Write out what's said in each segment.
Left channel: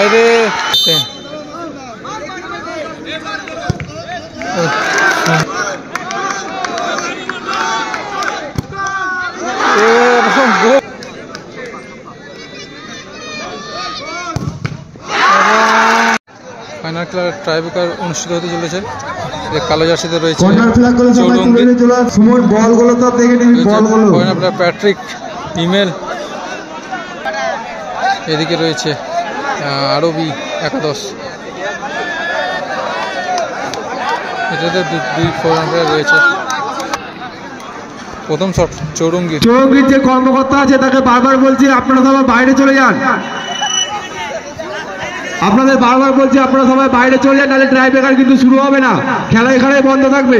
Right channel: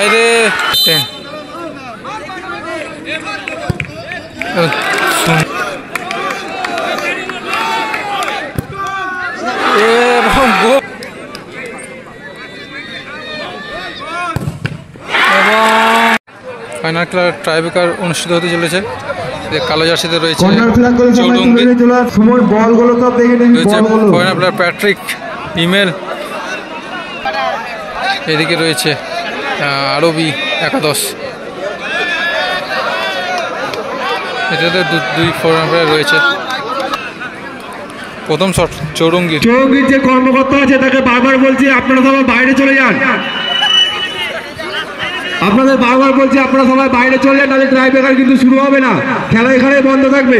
বাইরে 10 এবং গোল এবং ফাইনাল খেলার ট্রাইব্রেকার অনুষ্ঠিত হতে চলেছে। কালো জার্সিতে রয়েছে Chowringhee, foreigner player Patrick Emel, এদিকে রয়েছে আরবি একাদশ। এটাতে দুই ফরেনার প্লেয়ার রয়েছে। প্রথম শট চৌরঙ্গীর যে কর্মকর্তা আছে তাকে বারবার বলছি আপনারা সবাই বাইরে চলে যান, আপনাদের বারবার বলছি আপনারা সবাই বাইরে চলে যান, তাহলে ট্রাইব্রেকার কিন্তু শুরু হবে না, খেলা এখানে বন্ধ থাকবে।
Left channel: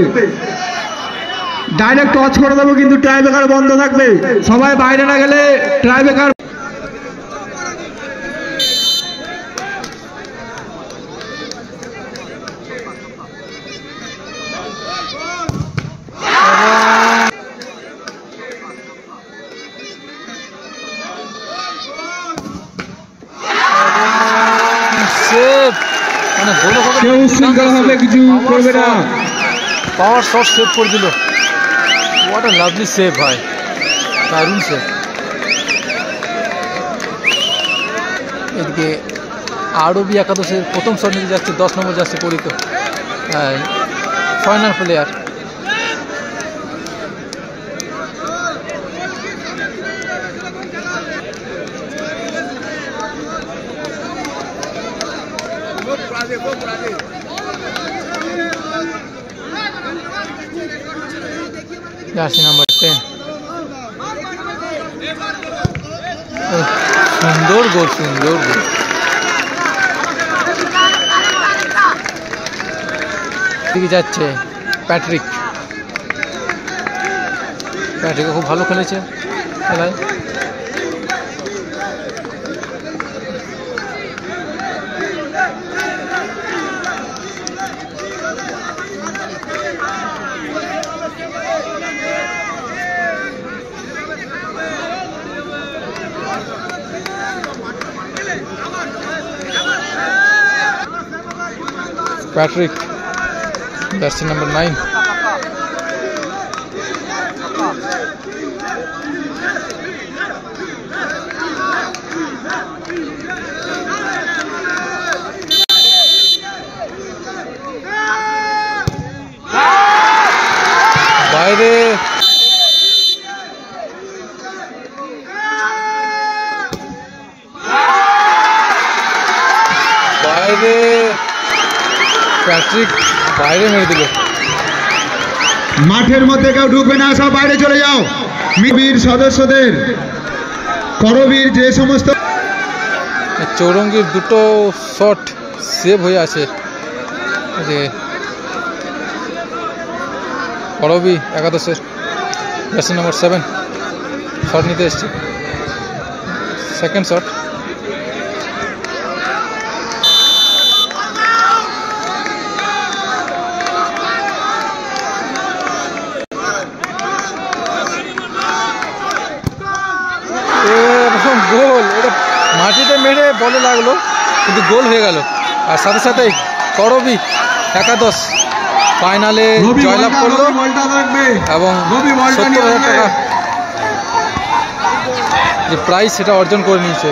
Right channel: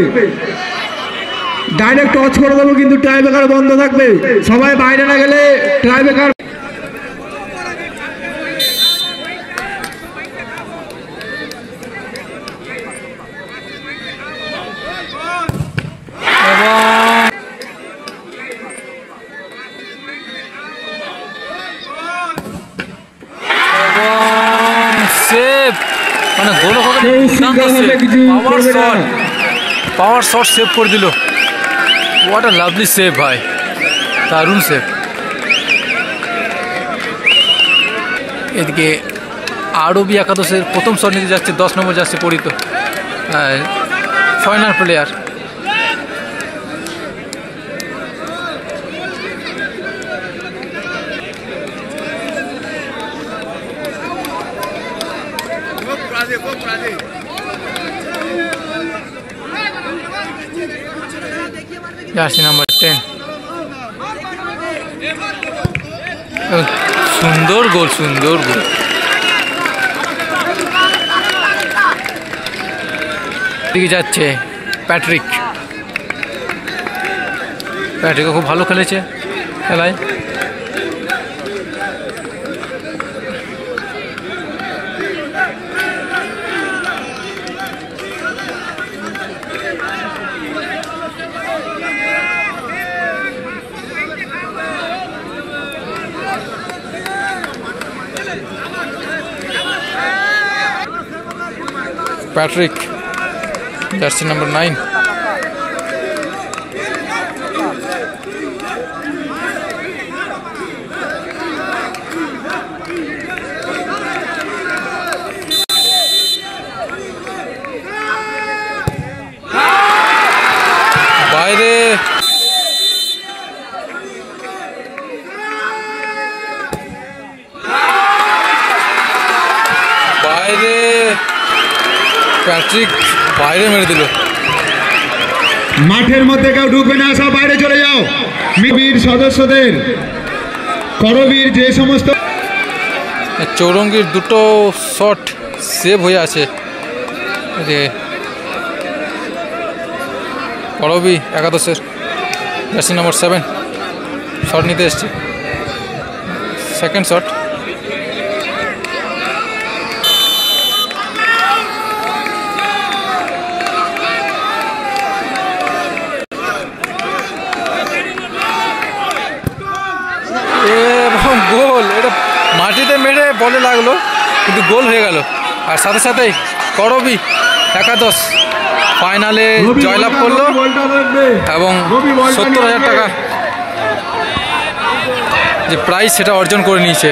ডাইরেক্ট টচ করে দেবো কিন্তু ট্রাইব্রেকার বন্ধ থাকবে, সবাই বাইরে না গেলে ট্রাইব্রেকার। সেভ, মানে গোল পাওয়ার শট সেভ করে দিল। হোয়াট আ লাভলি সেভ ভাই, দারুণ সেভ। এদিকে আরবি একাদশের প্রথম শট নিতে যাচ্ছে 10 নম্বর যাচ্ছে পরিত ফরেনার প্লেয়ার। জার্সি নাম্বার 10, সুন্দর গোল, সুন্দর গোল। দিকে যাচ্ছে প্যাট্রিক, প্যাট্রিকও খুব ভালো খেলেছে খেলায়। প্যাট্রিক জার্সি নাম্বার 9, বাইরে বাইরে প্যাট্রিক বাইরে মেরে দিল। মাঠের মধ্যে কেউ ঢুকবে না, সব বাইরে চলে যাও। মিবির সদস্যদের করবীর যে সমস্ত চৌরঙ্গীর দুটো শট সেভ হয়ে আছে। করবী একাদশের জার্সি নাম্বার 7 শট নিতে এসছে, সেকেন্ড শট। এবং গোল, এটা মাটিতে মেরে বলে লাগলো কিন্তু গোল হয়ে গেল। আর সাথে সাথেই করবী একাদশ ফাইনালে জয়লাভ করলো এবং 70,000 টাকা যে প্রাইজ সেটা অর্জন করে নিয়েছে।